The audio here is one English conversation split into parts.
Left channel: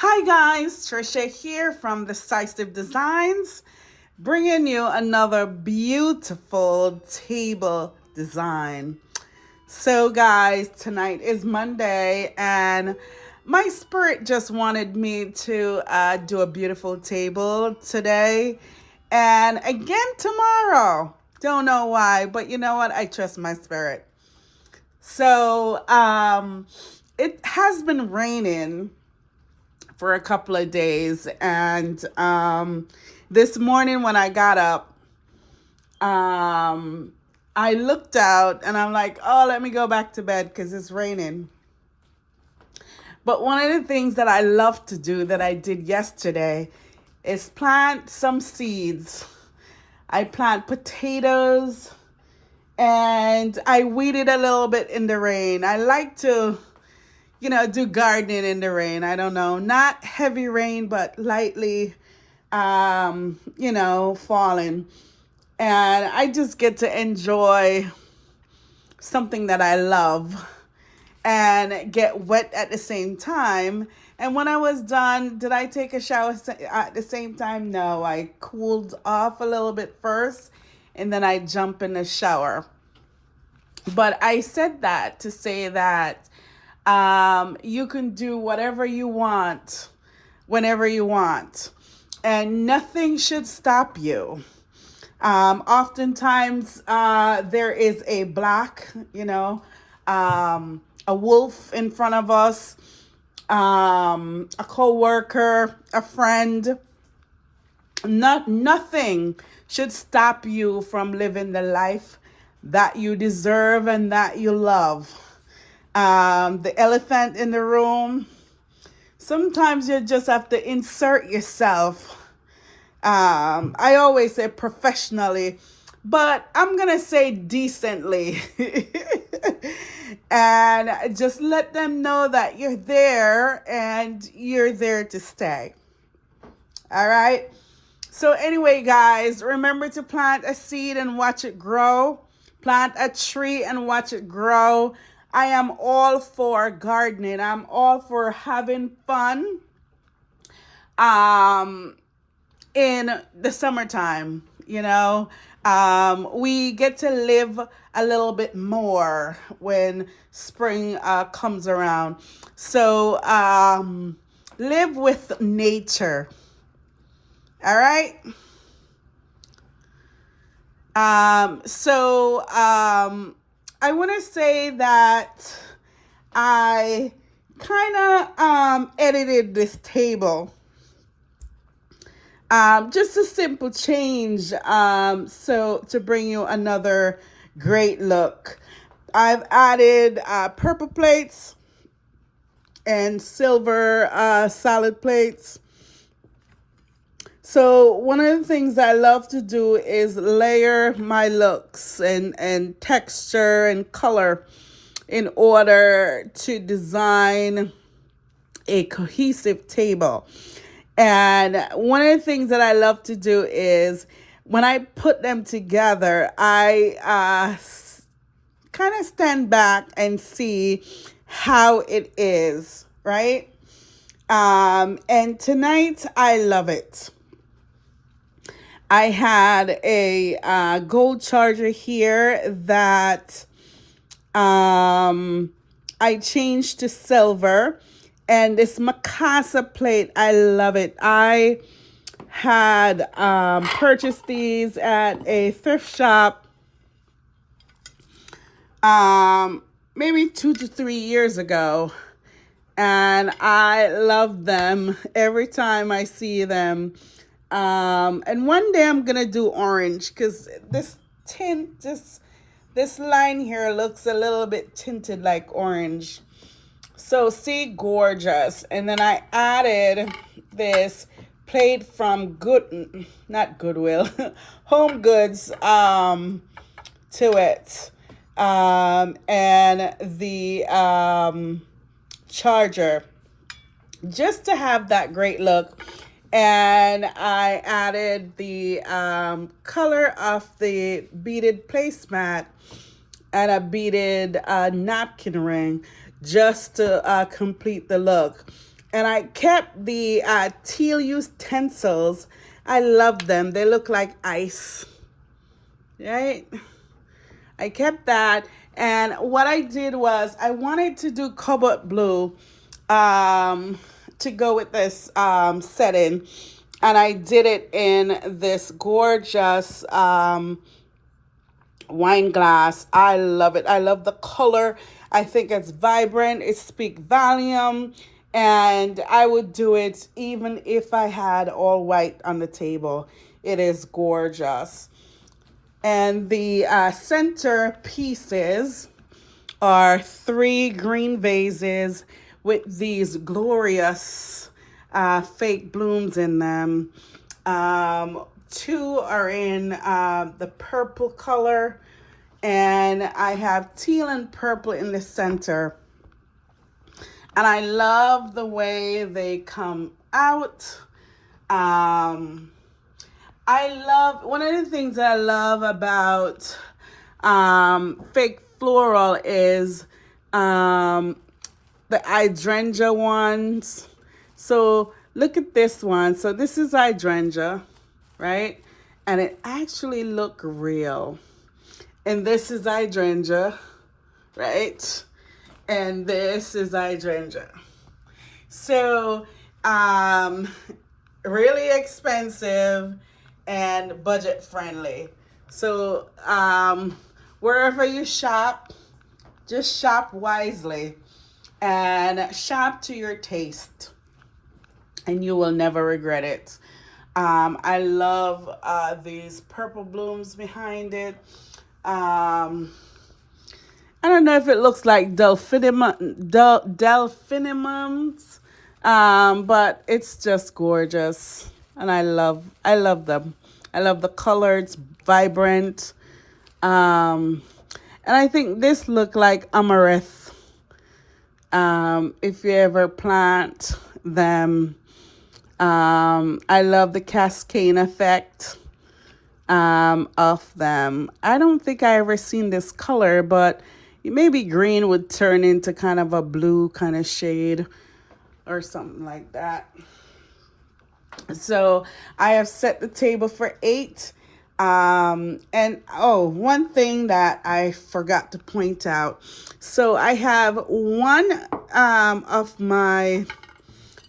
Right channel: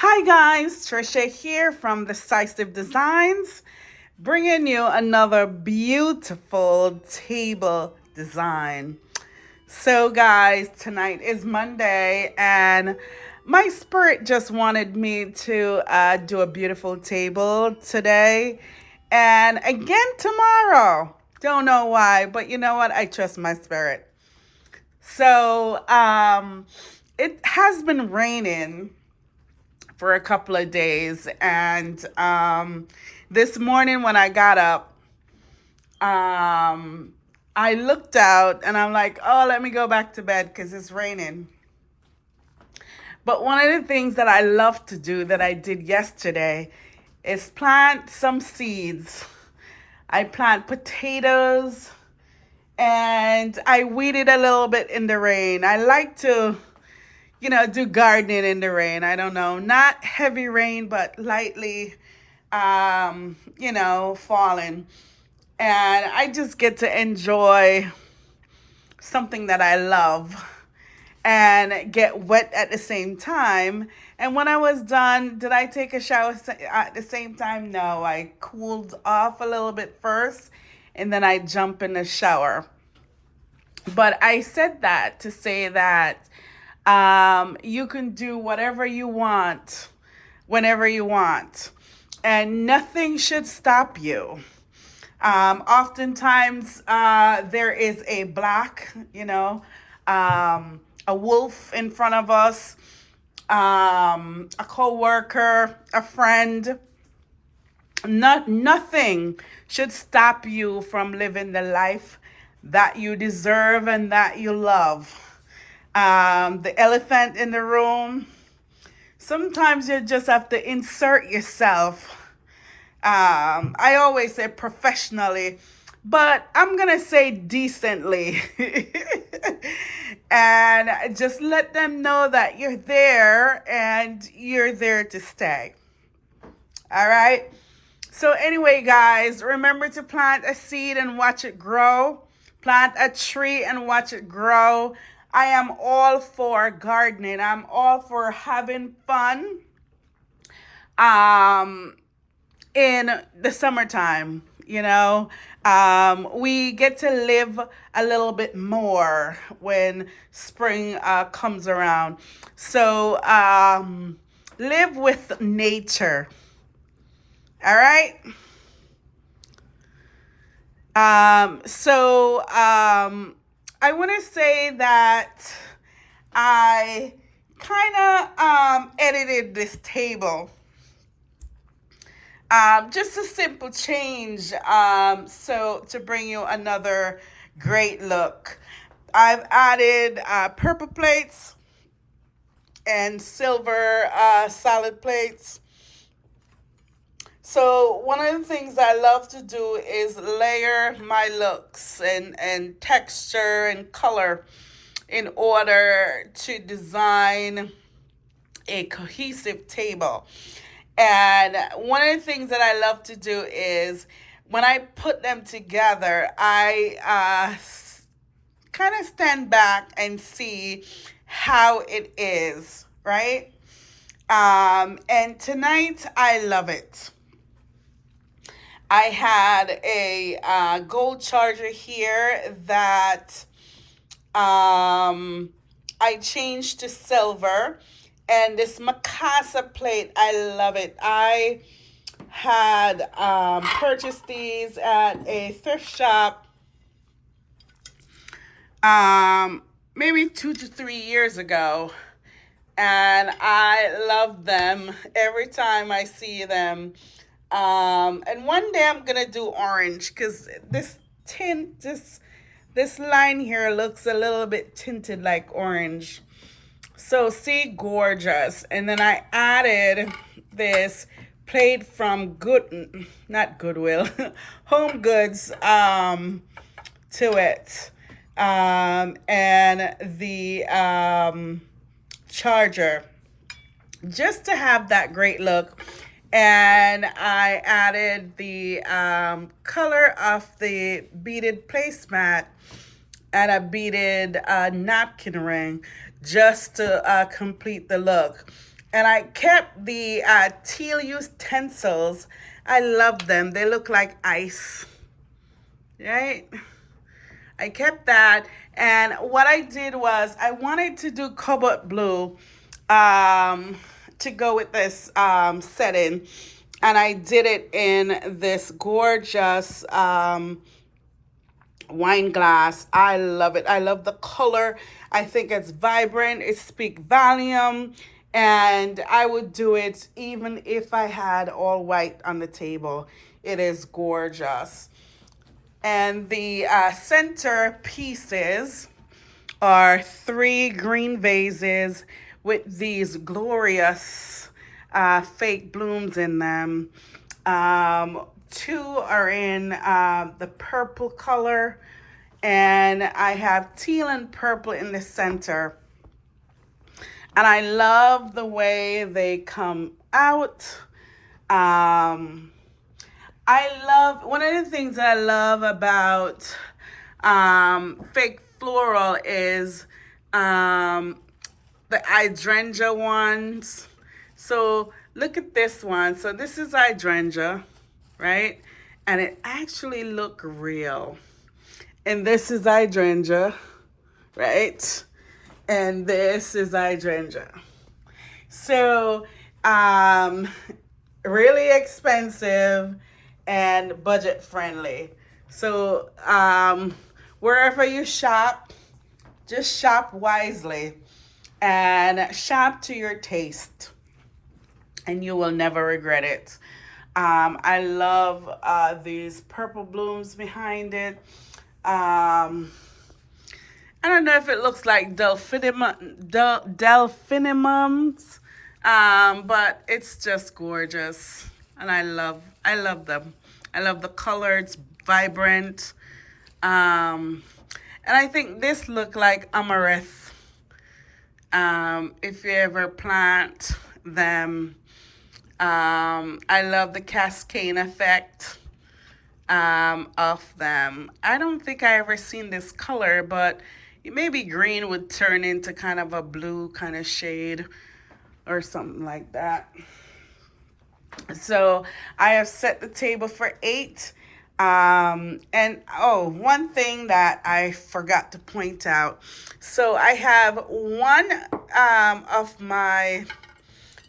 Hi guys, Trisha here from Decisive Designs, bringing you another beautiful table design. So guys, tonight is Monday and my spirit just wanted me to do a beautiful table today and again tomorrow. Don't know why, but you know what? I trust my spirit. So it has been raining for a couple of days. And this morning when I got up, I looked out and I'm like, oh, let me go back to bed because it's raining. But one of the things that I love to do that I did yesterday is plant some seeds. I plant potatoes and I weeded a little bit in the rain. I like to do gardening in the rain. I don't know, not heavy rain, but lightly, falling. And I just get to enjoy something that I love and get wet at the same time. And when I was done, did I take a shower at the same time? No, I cooled off a little bit first and then I jump in the shower. But I said that to say that you can do whatever you want, whenever you want, and nothing should stop you. Oftentimes, there is a block, a wolf in front of us, a coworker, a friend. Nothing should stop you from living the life that you deserve and that you love. The elephant in the room. Sometimes you just have to insert yourself. I always say professionally, but I'm going to say decently. And just let them know that you're there and you're there to stay. All right. So anyway, guys, remember to plant a seed and watch it grow. Plant a tree and watch it grow. I am all for gardening. I'm all for having fun in the summertime. We get to live a little bit more when spring comes around. So live with nature. All right. I want to say that I kind of edited this table. Just a simple change so to bring you another great look. I've added purple plates and silver solid plates. So one of the things I love to do is layer my looks and texture and color in order to design a cohesive table. And one of the things that I love to do is when I put them together, I kind of stand back and see how it is, right? And tonight I love it. I had a gold charger here that I changed to silver. And this Mikasa plate, I love it. I had purchased these at a thrift shop maybe 2 to 3 years ago. And I love them every time I see them. And one day I'm gonna do orange because this tint, this line here looks a little bit tinted like orange. So see, gorgeous. And then I added this plate from not Goodwill, Home Goods to it. And the charger just to have that great look. And I added the color of the beaded placemat and a beaded napkin ring just to complete the look. And I kept the teal utensils. I love them. They look like ice, right? I kept that. And what I did was I wanted to do cobalt blue to go with this setting. And I did it in this gorgeous wine glass. I love it. I love the color. I think it's vibrant. It speaks volume. And I would do it even if I had all white on the table. It is gorgeous. And the center pieces are 3 green vases with these glorious fake blooms in them. 2 are in the purple color, and I have teal and purple in the center. And I love the way they come out. One of the things that I love about fake floral is the hydrangea ones. So look at this one. So this is hydrangea, right? And it actually look real. And this is hydrangea, right? And this is hydrangea. So really expensive and budget friendly. So wherever you shop, just shop wisely and shop to your taste, and you will never regret it. I love these purple blooms behind it. I don't know if it looks like delphinimums, but it's just gorgeous, and I love them. I love the color. It's vibrant, and I think this look like amaranth. If you ever plant them, I love the cascade effect of them. I don't think I ever seen this color, but maybe green would turn into kind of a blue kind of shade or something like that. So I have set the table for 8. And one thing that I forgot to point out. So I have one of my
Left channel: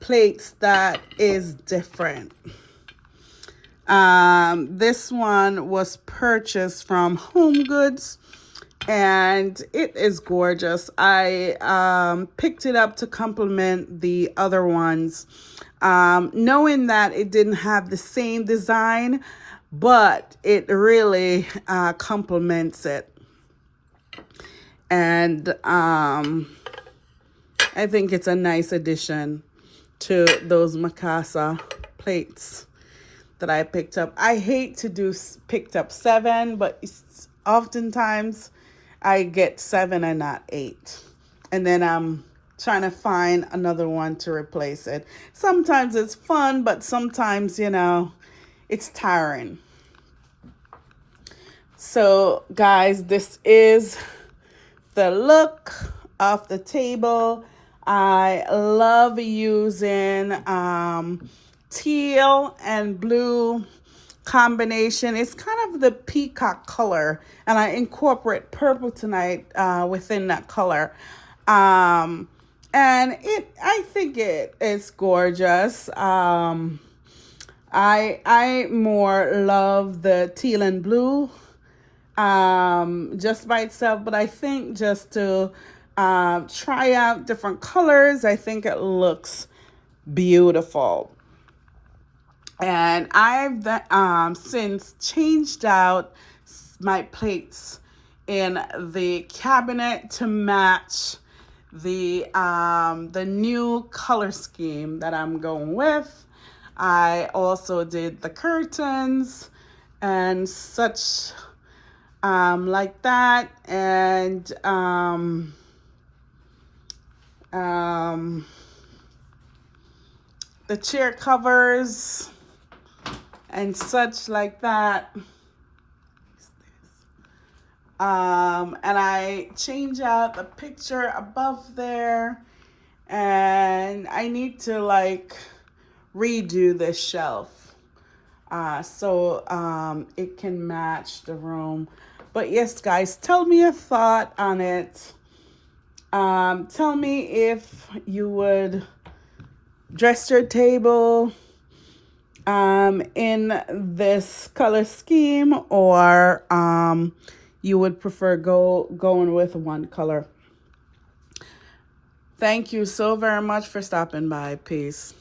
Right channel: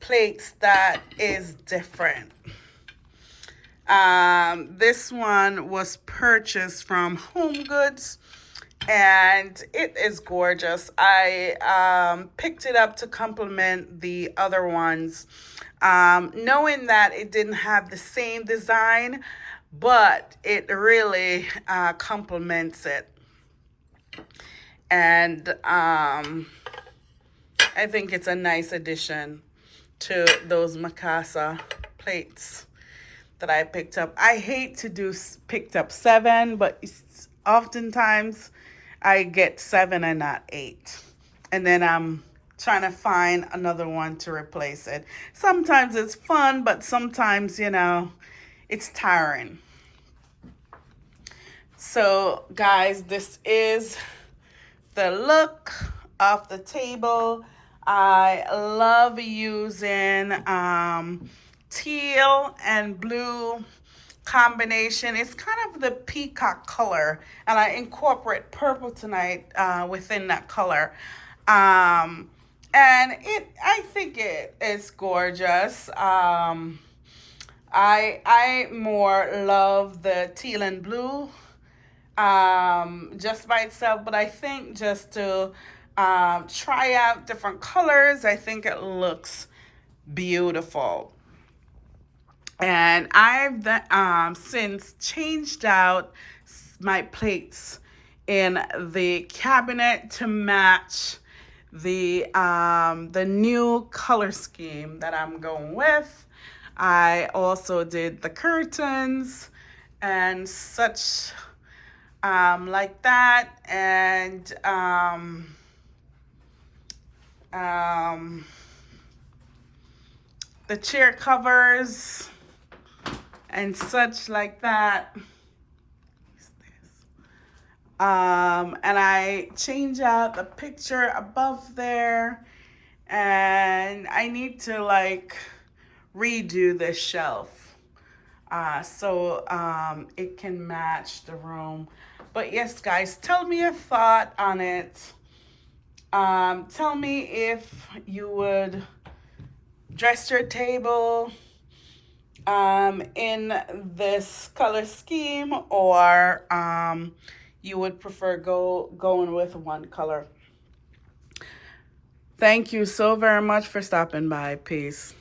plates that is different. This one was purchased from Home Goods, and it is gorgeous. I picked it up to complement the other ones, knowing that it didn't have the same design, but it really complements it. And I think it's a nice addition to those Mikasa plates that I picked up. I hate to do picked up 7, but oftentimes I get 7 and not 8. And then I'm trying to find another one to replace it. Sometimes it's fun, but sometimes, it's tiring. So, guys, this is the look of the table. I love using teal and blue combination. It's kind of the peacock color, and I incorporate purple tonight within that color. And I think it is gorgeous. I more love the teal and blue just by itself, but I think just to try out different colors, I think it looks beautiful. And I've since changed out my plates in the cabinet to match the new color scheme that I'm going with. I also did the curtains and such like that, and the chair covers and such like that. And I change out the picture above there, and I need to like redo this shelf so it can match the room. But yes, guys, tell me a thought on it. Tell me if you would dress your table in this color scheme, or you would prefer going with one color. Thank you so very much for stopping by. Peace.